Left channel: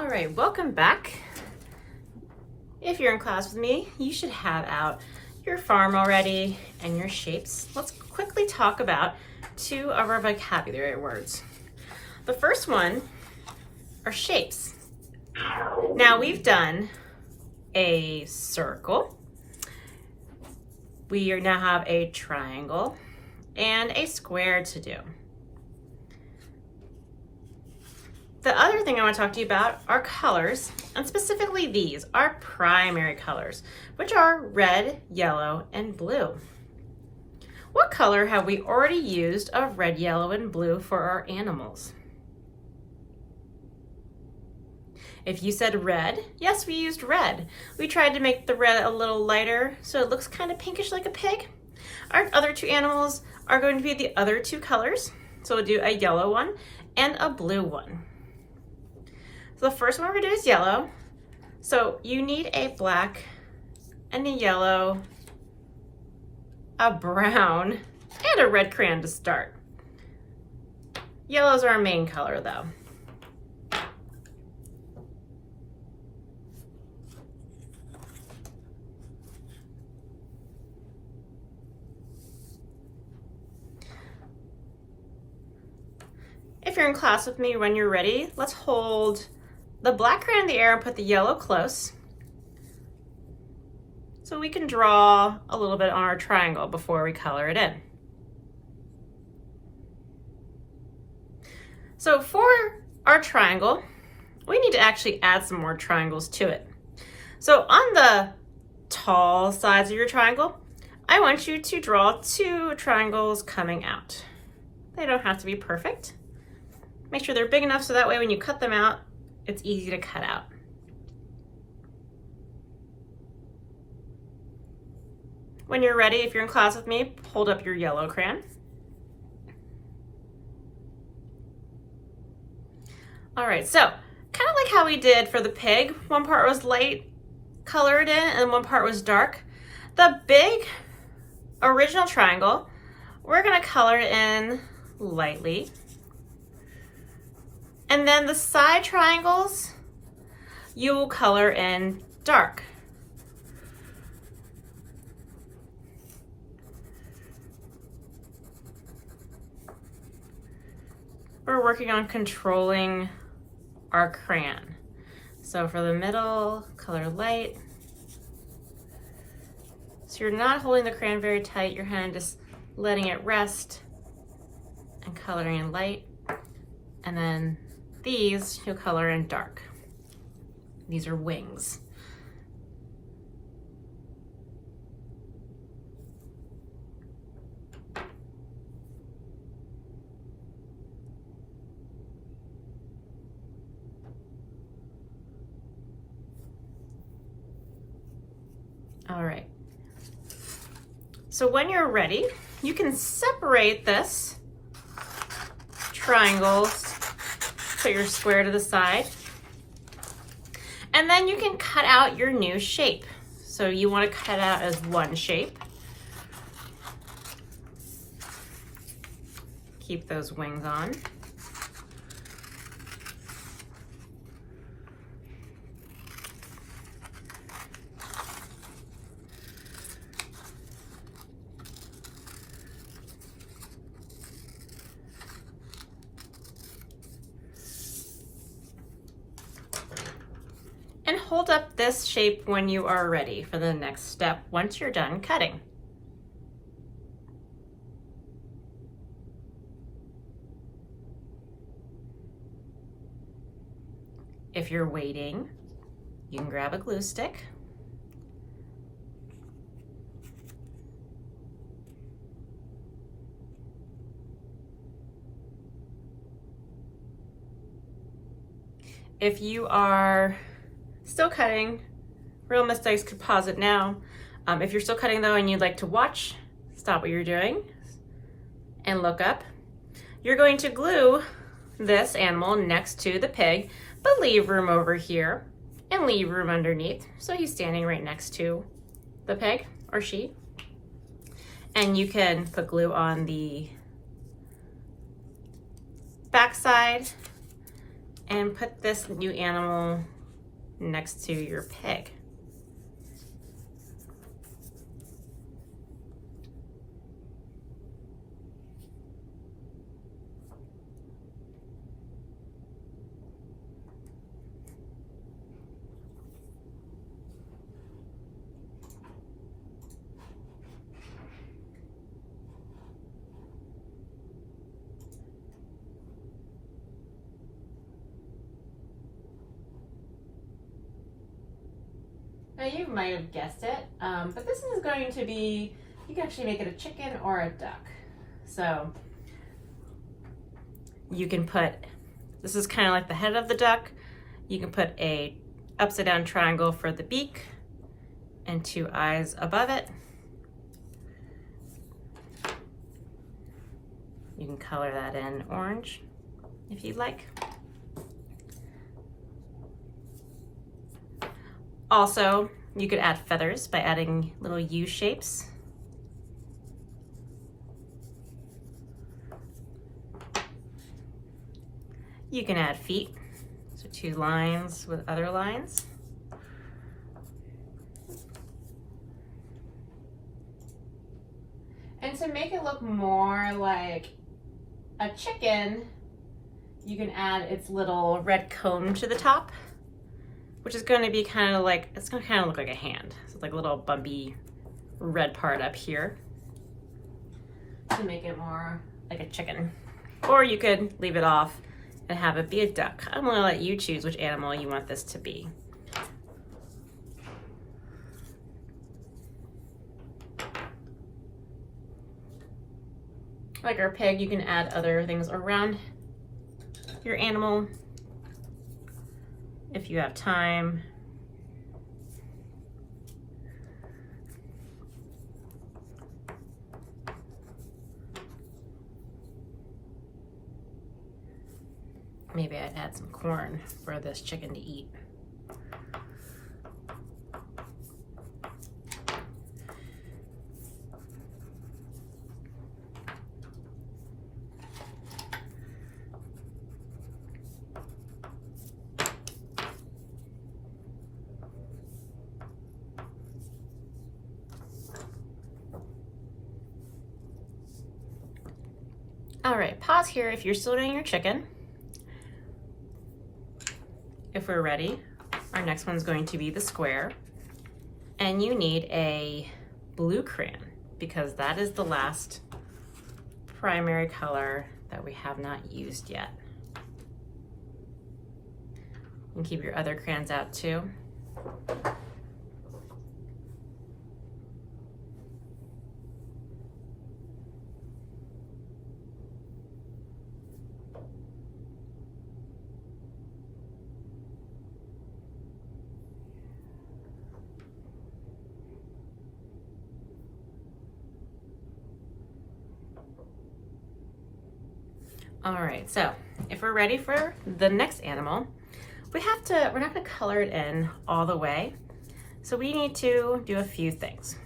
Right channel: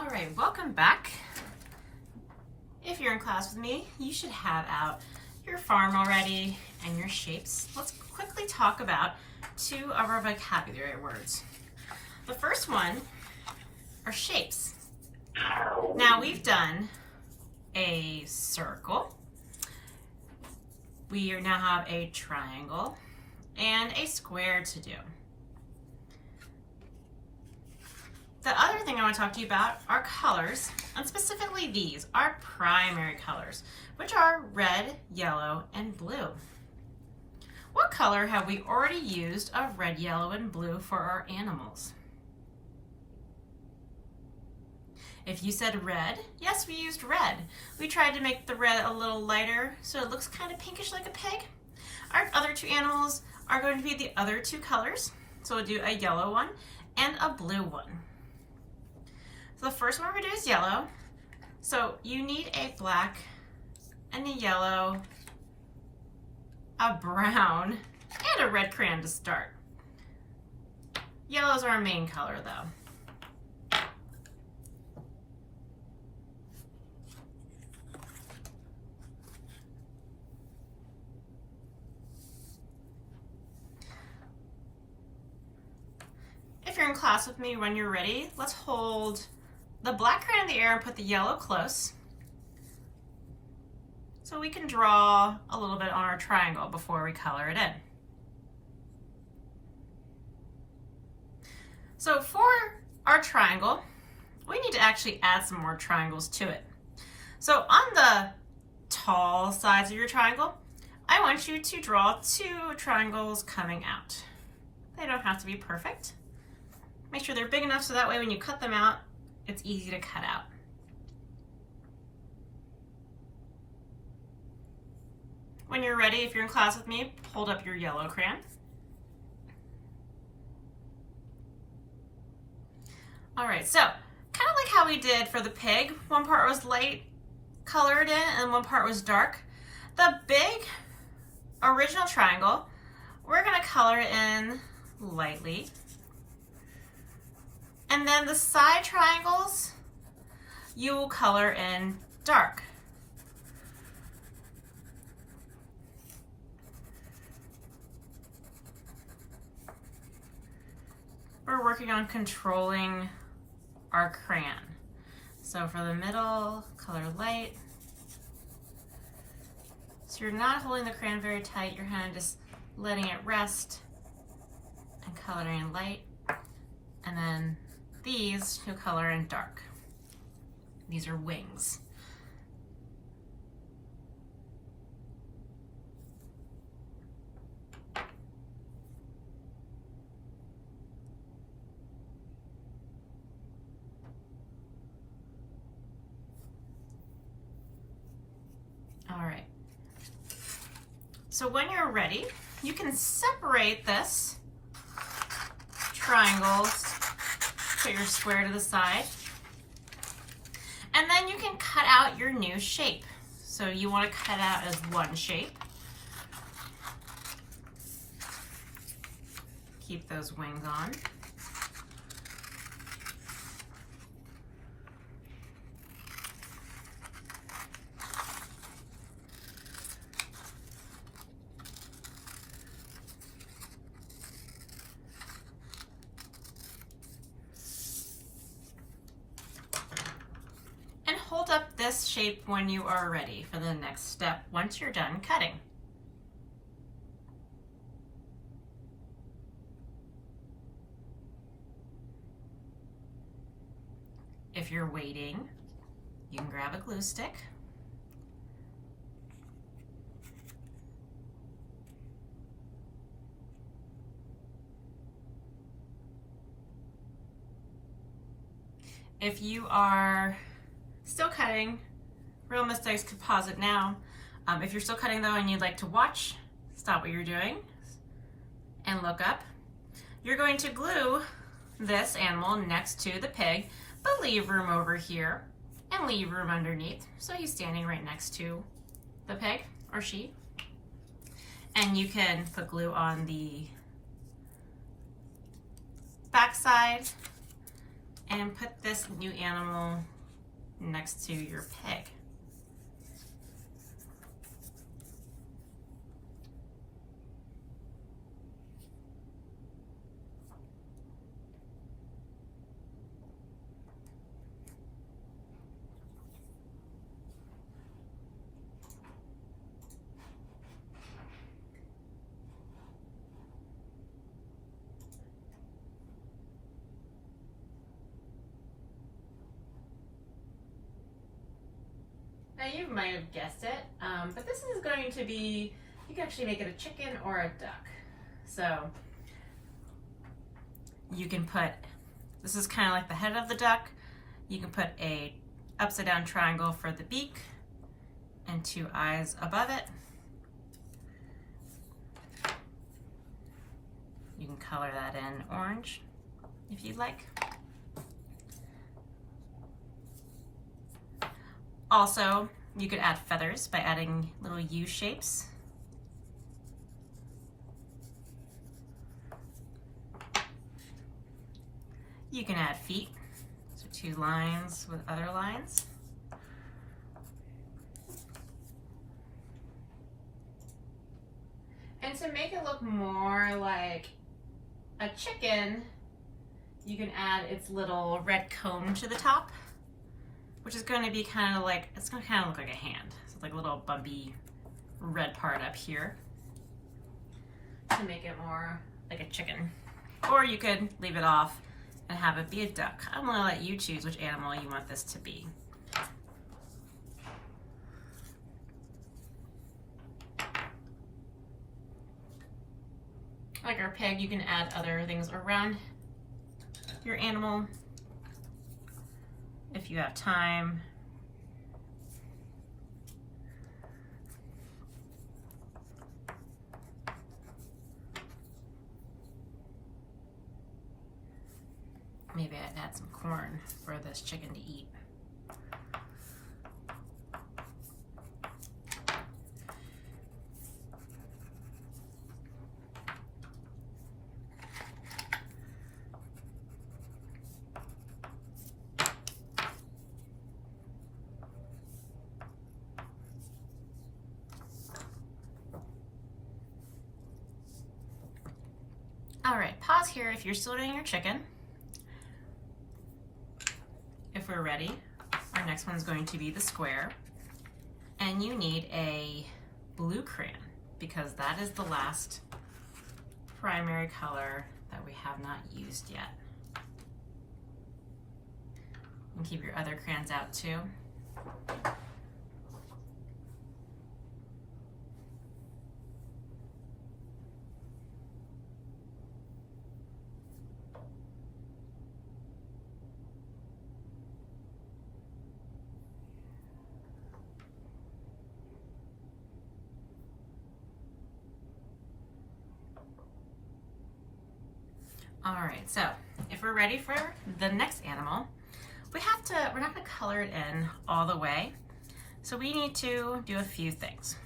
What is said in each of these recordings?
All right, welcome back. If you're in class with me, you should have out your farm already and your shapes. Let's quickly talk about two of our vocabulary words. The first one are shapes. Now we've done a circle. We now have a triangle and a square to do. The other thing I want to talk to you about are colors, and specifically these are primary colors, which are red, yellow, and blue. What color have we already used of red, yellow, and blue for our animals? If you said red, yes, we used red. We tried to make the red a little lighter so it looks kind of pinkish like a pig. Our other two animals are going to be the other two colors. So we'll do a yellow one and a blue one. So the first one we're gonna do is yellow. So you need a black and a yellow, a brown, and a red crayon to start. Yellows are our main color though. If you're in class with me when you're ready, let's hold the black crayon in the air and put the yellow close so we can draw a little bit on our triangle before we color it in. So for our triangle, we need to actually add some more triangles to it. So on the tall sides of your triangle, I want you to draw two triangles coming out. They don't have to be perfect. Make sure they're big enough so that way when you cut them out, it's easy to cut out. When you're ready, if you're in class with me, hold up your yellow crayon. All right, so kind of like how we did for the pig, one part was light colored in and one part was dark. The big original triangle, we're gonna color it in lightly. And then the side triangles, you will color in dark. We're working on controlling our crayon. So for the middle, color light. So you're not holding the crayon very tight, your hand just letting it rest and coloring in light. And then these you'll color in dark. These are wings. All right. So when you're ready, you can separate this triangles. Put your square to the side. And then you can cut out your new shape. So you want to cut out as one shape. Keep those wings on. And hold up this shape when you are ready for the next step once you're done cutting. If you're waiting, you can grab a glue stick. If you are still cutting, real mistakes could pause it now. If you're still cutting though and you'd like to watch, stop what you're doing and look up. You're going to glue this animal next to the pig, but leave room over here and leave room underneath. So he's standing right next to the pig or she. And you can put glue on the back side and put this new animal next to your pig. Now you might have guessed it, but this is going to be, you can actually make it a chicken or a duck. So you can put, this is kind of like the head of the duck. You can put a upside down triangle for the beak and 2 eyes above it. You can color that in orange if you'd like. Also, you could add feathers by adding little U shapes. You can add feet, so 2 lines with other lines. And to make it look more like a chicken, you can add its little red cone to the top, which is going to be kind of like, it's going to kind of look like a hand. So it's like a little bumpy red part up here to make it more like a chicken. Or you could leave it off and have it be a duck. I'm going to let you choose which animal you want this to be. Like our pig, you can add other things around your animal if you have time. Maybe I'd add some corn for this chicken to eat. All right, pause here if you're still doing your chicken. If we're ready, our next one's going to be the square. And you need a blue crayon because that is the last primary color that we have not used yet. You can keep your other crayons out too. All right, so if we're ready for the next animal, we're not gonna color it in all the way. So we need to do a few things.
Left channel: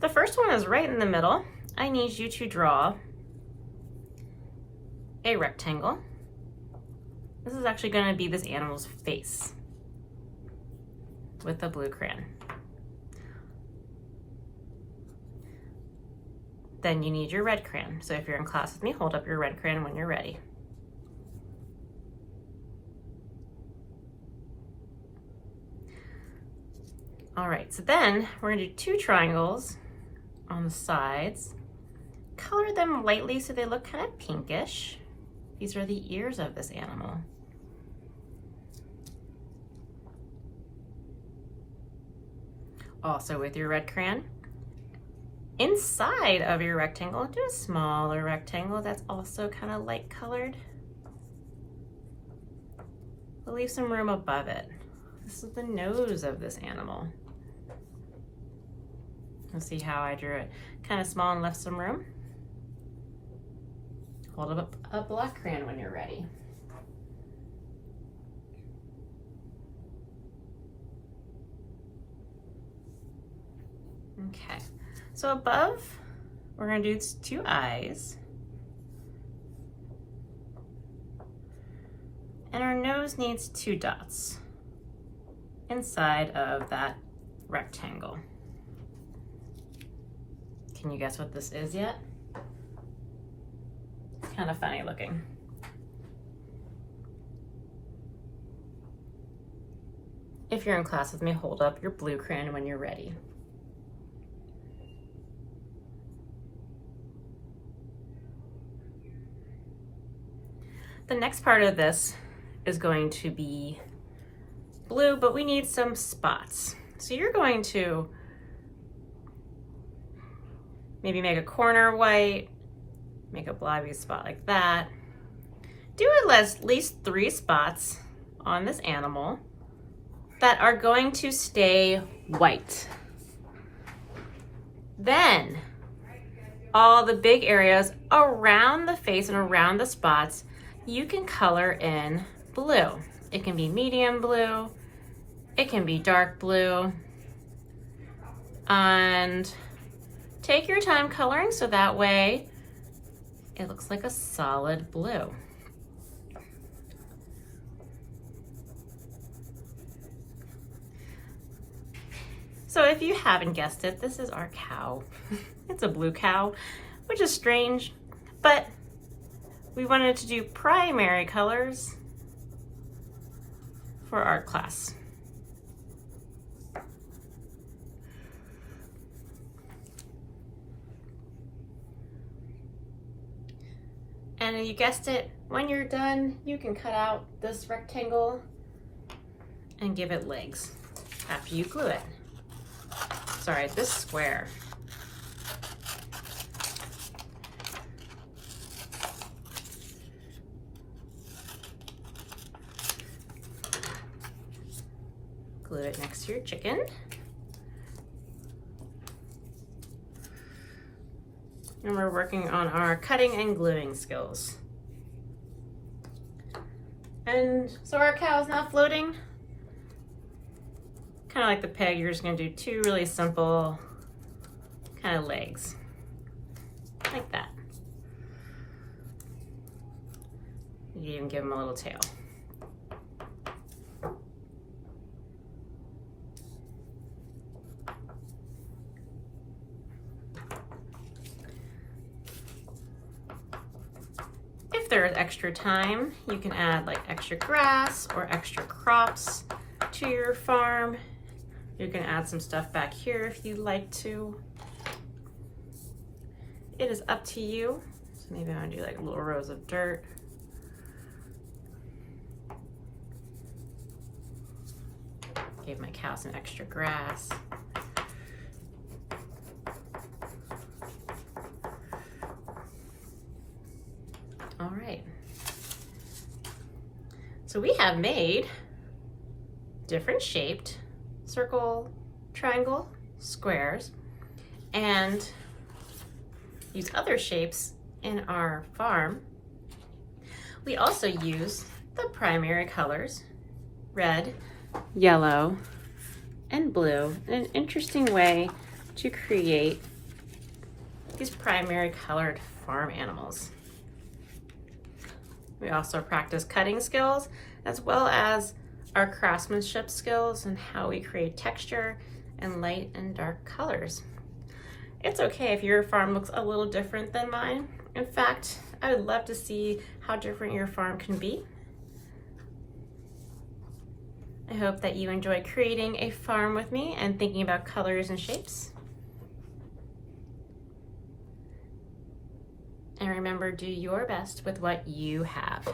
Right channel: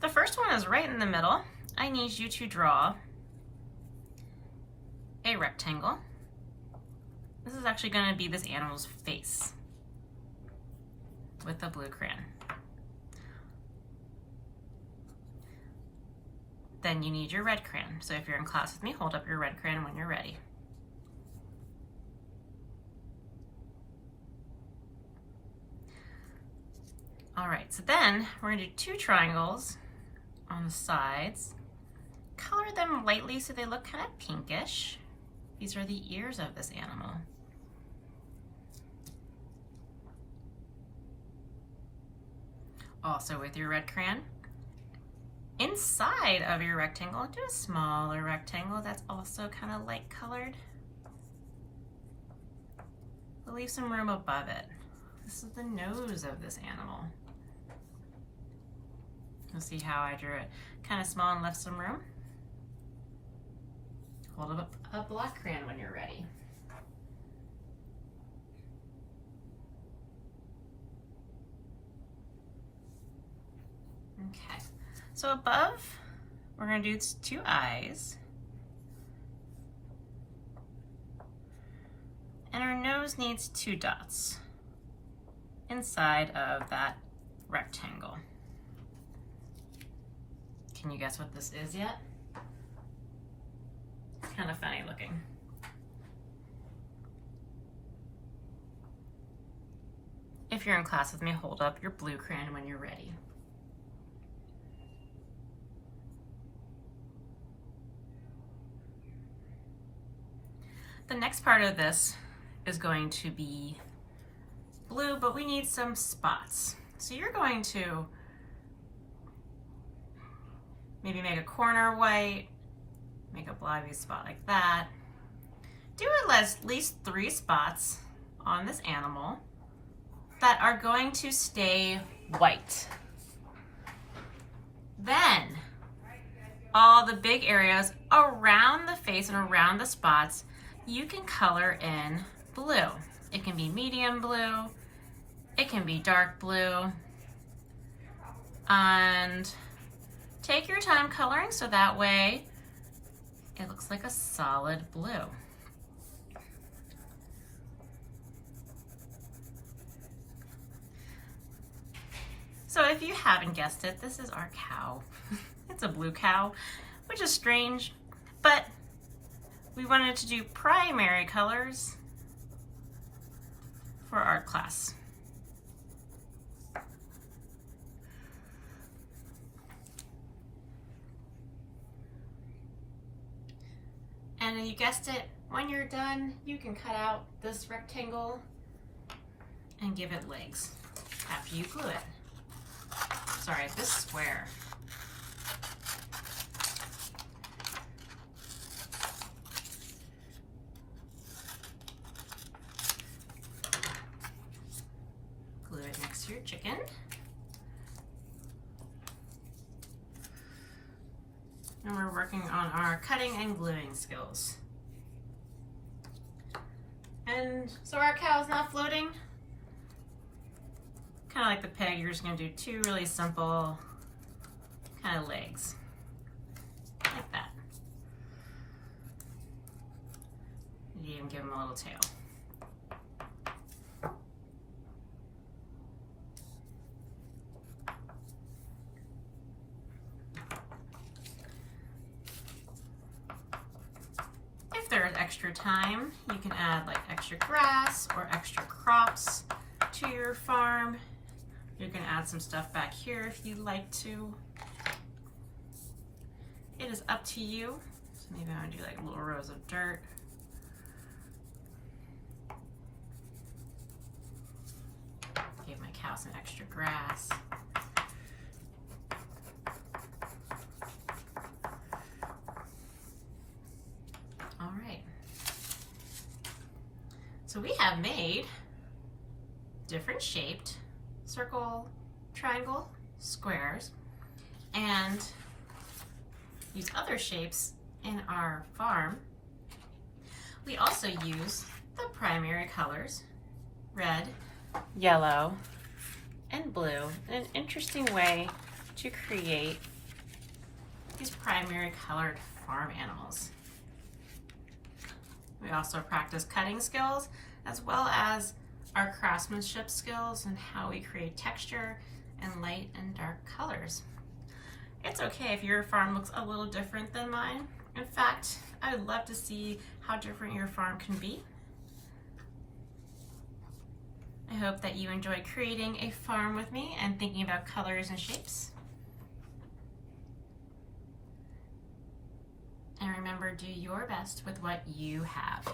The first one is right in the middle. I need you to draw a rectangle. This is actually gonna be this animal's face with the blue crayon. Then you need your red crayon. So if you're in class with me, hold up your red crayon when you're ready. All right, so then we're gonna do 2 triangles on the sides. Color them lightly so they look kind of pinkish. These are the ears of this animal. Also with your red crayon, inside of your rectangle, do a smaller rectangle that's also kind of light colored. We'll leave some room above it. This is the nose of this animal. You'll see how I drew it kind of small and left some room. Hold up a black crayon when you're ready. Okay, so above, we're gonna do 2 eyes. And our nose nose needs 2 dots inside of that rectangle. Can you guess what this is yet? It's kind of funny looking. If you're in class with me, hold up your blue crayon when you're ready. The next part of this is going to be blue, but we need some spots. So you're going to maybe make a corner white, make a blobby spot like that. Do at least 3 spots on this animal that are going to stay white. Then all the big areas around the face and around the spots, you can color in blue. It can be medium blue, it can be dark blue, and take your time coloring so that way it looks like a solid blue. So if you haven't guessed it, this is our cow. It's a blue cow, which is strange, but we wanted to do primary colors for art class. And you guessed it, when you're done, you can cut out this rectangle and give it legs after you glue it. Sorry, this square. Glue it next to your chicken. And we're working on our cutting and gluing skills. And so our cow's not floating. Kind of like the pig, you're just gonna do 2 really simple kind of legs, like that. You even give him a little tail. If there's extra time, you can add like extra grass or extra crops to your farm. You can add some stuff back here if you'd like to. It is up to you. So maybe I'm gonna do like little rows of dirt. Give my cow some extra grass. All right. So we have made different shaped circle, triangle, squares, and use other shapes in our farm. We also use the primary colors, red, yellow, and blue, in an interesting way to create these primary colored farm animals. We also practice cutting skills as well as our craftsmanship skills and how we create texture and light and dark colors. It's okay if your farm looks a little different than mine. In fact, I would love to see how different your farm can be. I hope that you enjoy creating a farm with me and thinking about colors and shapes. And remember, do your best with what you have.